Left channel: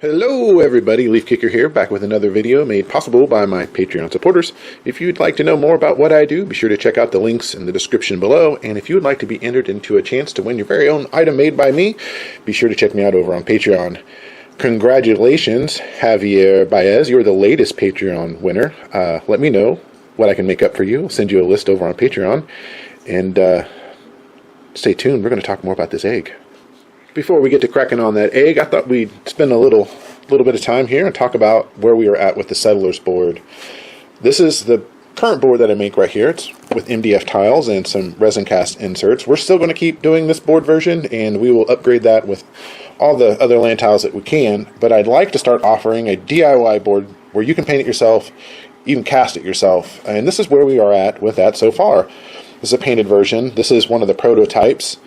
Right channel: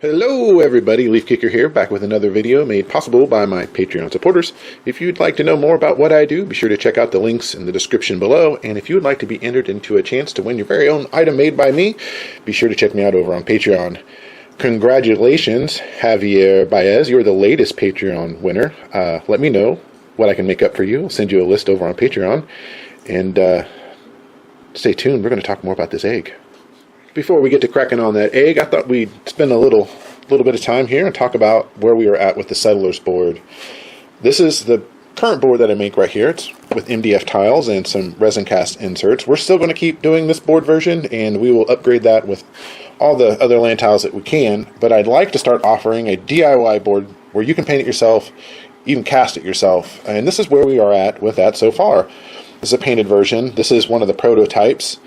Hello everybody, Leifkicker here, back with another video made possible by my Patreon supporters. If you'd like to know more about what I do, be sure to check out the links in the description below. And if you would like to be entered into a chance to win your very own item made by me, be sure to check me out over on Patreon. Congratulations, Javier Baez, you're the latest Patreon winner. Let me know what I can make up for you. I'll send you a list over on Patreon. And stay tuned, we're going to talk more about this egg. Before we get to cracking on that egg, I thought we'd spend a little bit of time here and talk about where we are at with the Settlers board. This is the current board that I make right here. It's with MDF tiles and some resin cast inserts. We're still going to keep doing this board version, and we will upgrade that with all the other land tiles that we can. But I'd like to start offering a DIY board where you can paint it yourself, even cast it yourself. And this is where we are at with that so far. This is a painted version. This is one of the prototypes.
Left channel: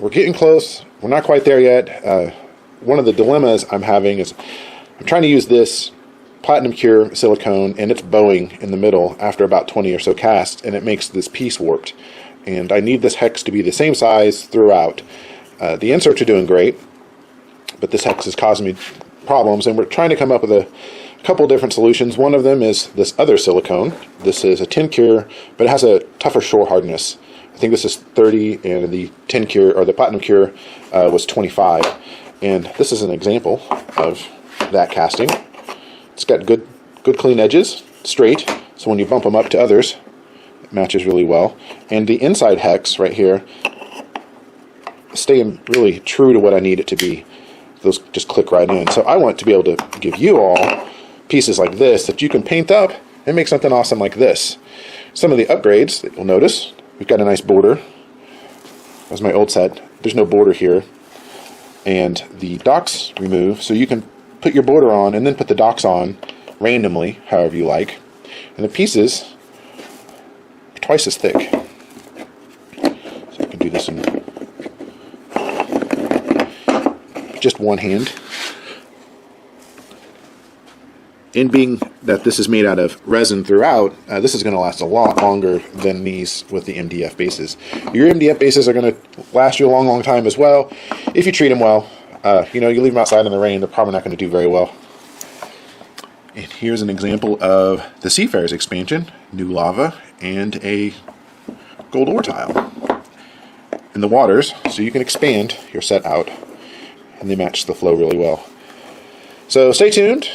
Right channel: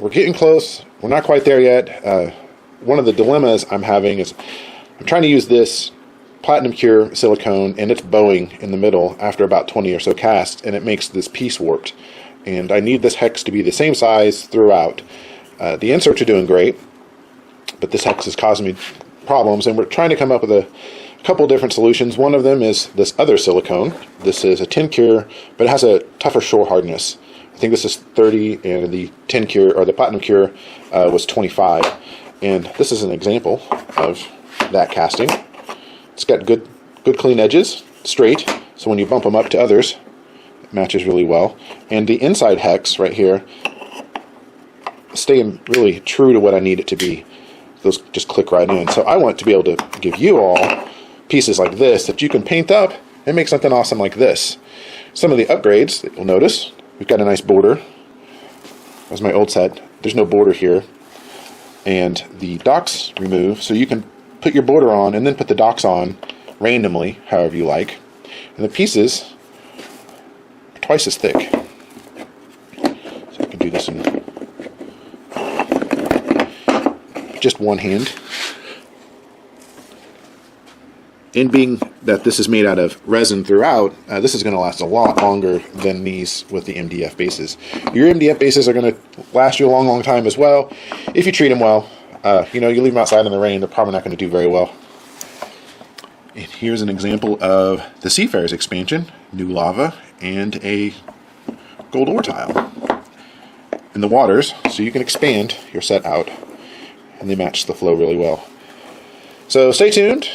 We're getting close. We're not quite there yet. One of the dilemmas I'm having is I'm trying to use this platinum cure silicone, and it's bowing in the middle after about 20 or so casts, and it makes this piece warped. And I need this hex to be the same size throughout. The inserts are doing great, but this hex is causing me problems, and we're trying to come up with a couple different solutions. One of them is this other silicone. This is a 10 cure, but it has a tougher shore hardness. I think this is 30, and the 10 cure, or the platinum cure, was 25. And this is an example of that casting. It's got good clean edges, straight, so when you bump them up to others, it matches really well. And the inside hex right here, staying really true to what I need it to be. Those just click right in. So I want to be able to give you all pieces like this that you can paint up and make something awesome like this. Some of the upgrades that you'll notice, we've got a nice border. That's my old set. There's no border here. And the docks remove, so you can put your border on and then put the docks on randomly, however you like. And the pieces are twice as thick. So you can do this in just one hand. And being that this is made out of resin throughout, this is going to last a lot longer than these with the MDF bases. Your MDF bases are going to last you a long time as well, if you treat them well. You leave them outside in the rain, they're probably not going to do very well. And here's an example of the Seafarers expansion, new lava, and a gold ore tile in the waters, so you can expand your set out, and they match the flow really well. So stay tuned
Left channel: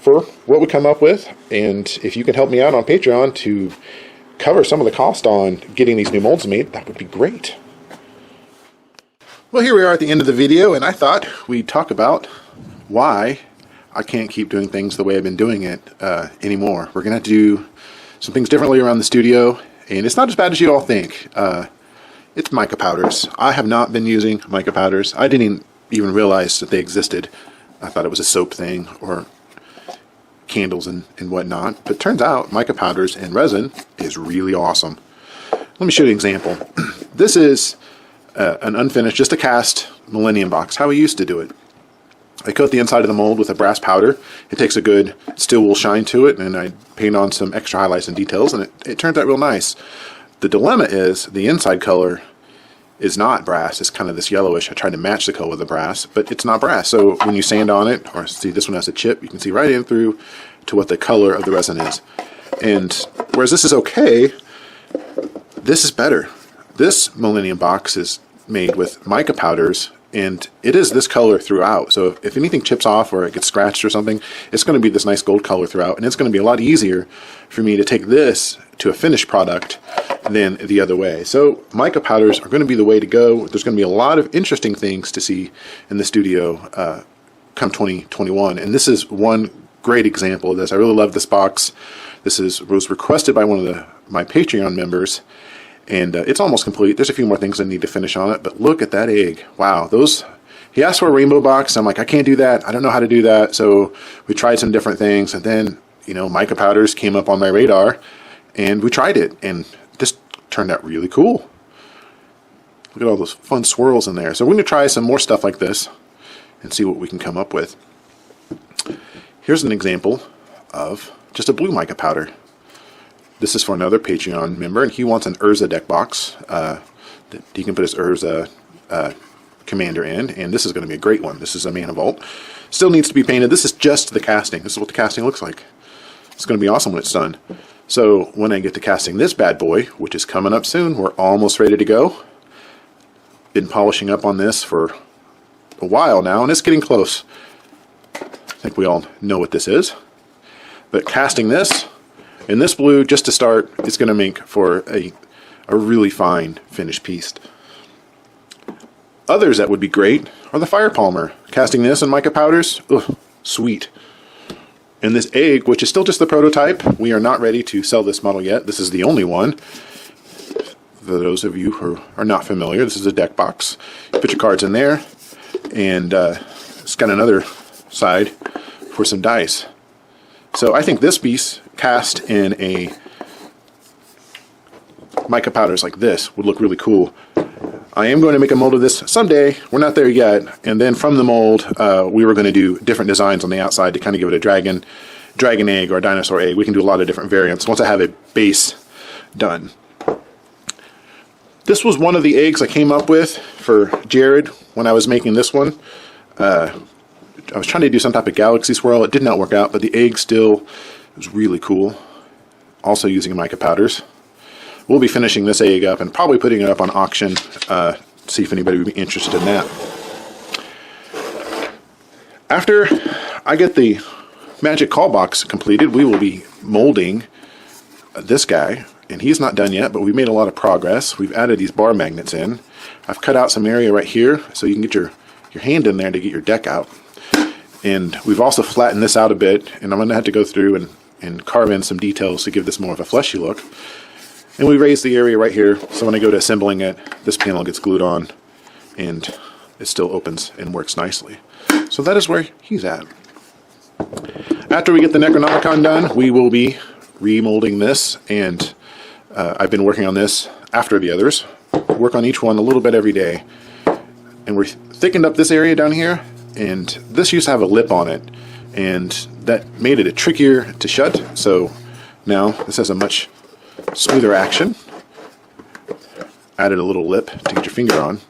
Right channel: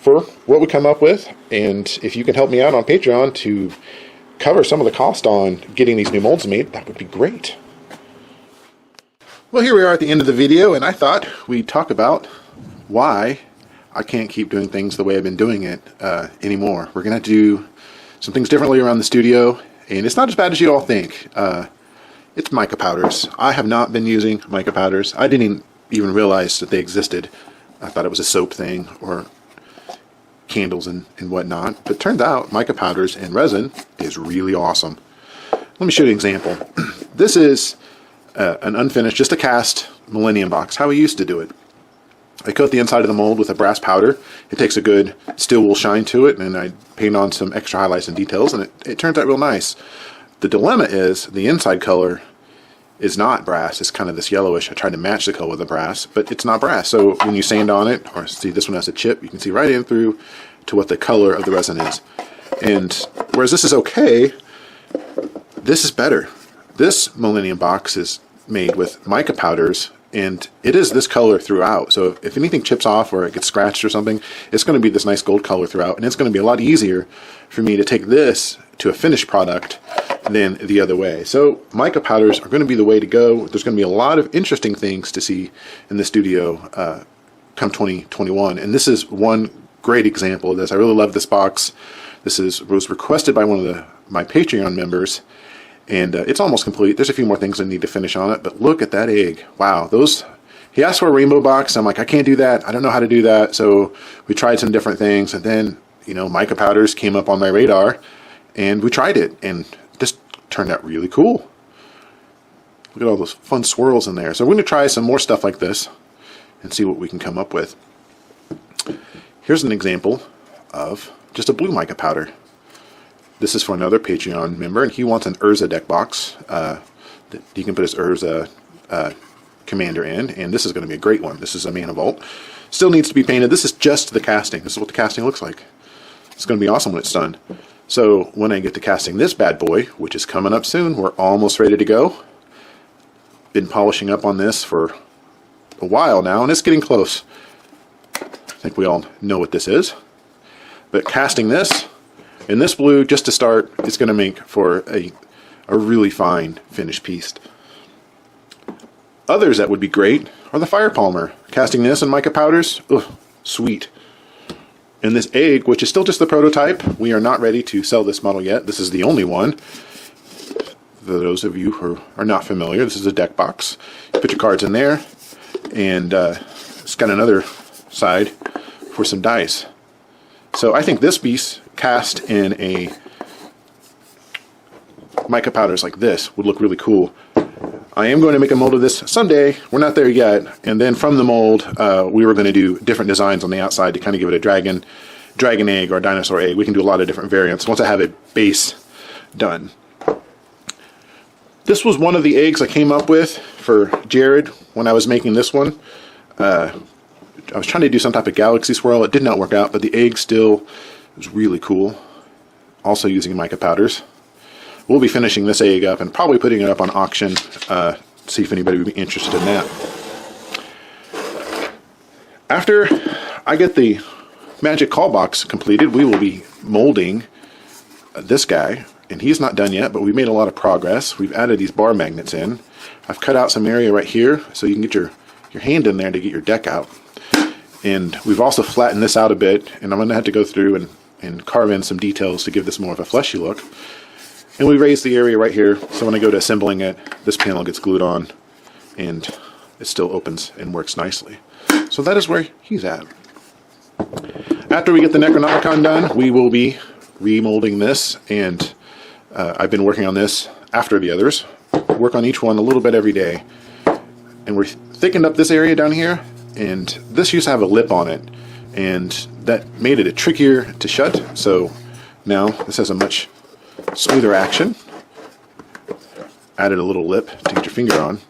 for what we come up with, and if you can help me out on Patreon to cover some of the cost on getting these new molds made, that would be great. Well, here we are at the end of the video, and I thought we'd talk about why I can't keep doing things the way I've been doing it anymore. We're going to do some things differently around the studio, and it's not as bad as you all think. It's mica powders. I have not been using mica powders. I didn't even realize that they existed. I thought it was a soap thing or candles and whatnot, but it turns out mica powders and resin is really awesome. Let me show you an example. This is an unfinished, just a cast Millennium Box, how we used to do it. I coat the inside of the mold with a brass powder. It takes a good steel wool shine to it, and I paint on some extra highlights and details, and it turned out real nice. The dilemma is the inside color is not brass. It's kind of this yellowish. I tried to match the color with the brass, but it's not brass. So when you sand on it, or see this one has a chip, you can see right in through to what the color of the resin is. And whereas this is okay, this is better. This Millennium Box is made with mica powders, and it is this color throughout. So if anything chips off or it gets scratched or something, it's going to be this nice gold color throughout, and it's going to be a lot easier for me to take this to a finished product than the other way. So mica powders are going to be the way to go. There's going to be a lot of interesting things to see in the studio come 2021, and this is one great example of this. I really love this box. This was requested by one of my Patreon members, and it's almost complete. There's a few more things I need to finish on it, but look at that egg. Wow, he asked for a rainbow box. I'm like, I can't do that. I don't know how to do that. So we tried some different things, and then mica powders came up on my radar, and we tried it, and it just turned out really cool. Look at all those fun swirls in there. So we're going to try some more stuff like this and see what we can come up with. Here's an example of just a blue mica powder. This is for another Patreon member, and he wants an Urza deck box. He can put his Urza commander end, and this is going to be a great one. This is a Manivolt. Still needs to be painted. This is just the casting. This is what the casting looks like. It's going to be awesome when it's done. So when I get to casting this bad boy, which is coming up soon, we're almost ready to go. Been polishing up on this for a while now, and it's getting close. I think we all know what this is. But casting this in this blue, just to start, is going to make for a really fine finished piece. Others that would be great are the Fire Palmer. Casting this in Mica Powders, ugh, sweet. And this egg, which is still just the prototype, we are not ready to sell this model yet. This is the only one. For those of you who are not familiar, this is a deck box. Put your cards in there, and it's got another side for some dice. So I think this piece, cast in a Mica Powders like this, would look really cool. I am going to make a mold of this someday. We're not there yet. And then from the mold, we were going to do different designs on the outside to kind of give it a dragon egg or a dinosaur egg. We can do a lot of different variants once I have it base done. This was one of the eggs I came up with for Jared when I was making this one. I was trying to do some type of galaxy swirl. It did not work out, but the egg still was really cool. Also using Mica Powders. We'll be finishing this egg up and probably putting it up on auction. See if anybody would be interested in that. After I get the magic call box completed, we will be molding this guy. And he's not done yet, but we've made a lot of progress. We've added these bar magnets in. I've cut out some area right here so you can get your hand in there to get your deck out. And we've also flattened this out a bit, and I'm going to have to go through and carve in some details to give this more of a fleshy look. And we raised the area right here, so when I go to assembling it, this panel gets glued on, and it still opens and works nicely. So that is where he's at. After we get the Necronomicon done, we will be remolding this, and I've been working on this after the others. Work on each one a little bit every day. And we're thickened up this area down here, and this used to have a lip on it, and that made it trickier to shut. So now this has a much smoother action. Added a little lip to get your finger on.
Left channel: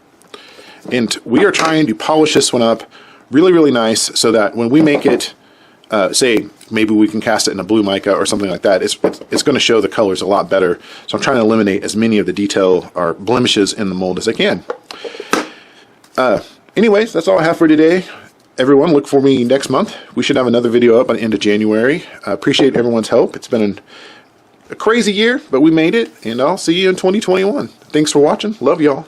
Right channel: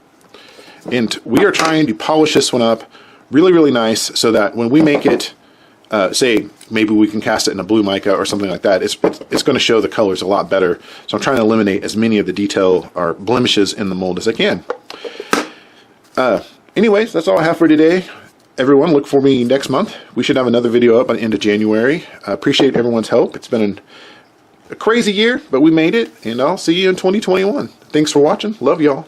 And we are trying to polish this one up really, really nice so that when we make it, say maybe we can cast it in a blue mica or something like that, it's going to show the colors a lot better. So I'm trying to eliminate as many of the detail or blemishes in the mold as I can. Anyways, that's all I have for today. Everyone, look for me next month. We should have another video up by the end of January. I appreciate everyone's help. It's been a crazy year, but we made it, and I'll see you in 2021. Thanks for watching. Love y'all.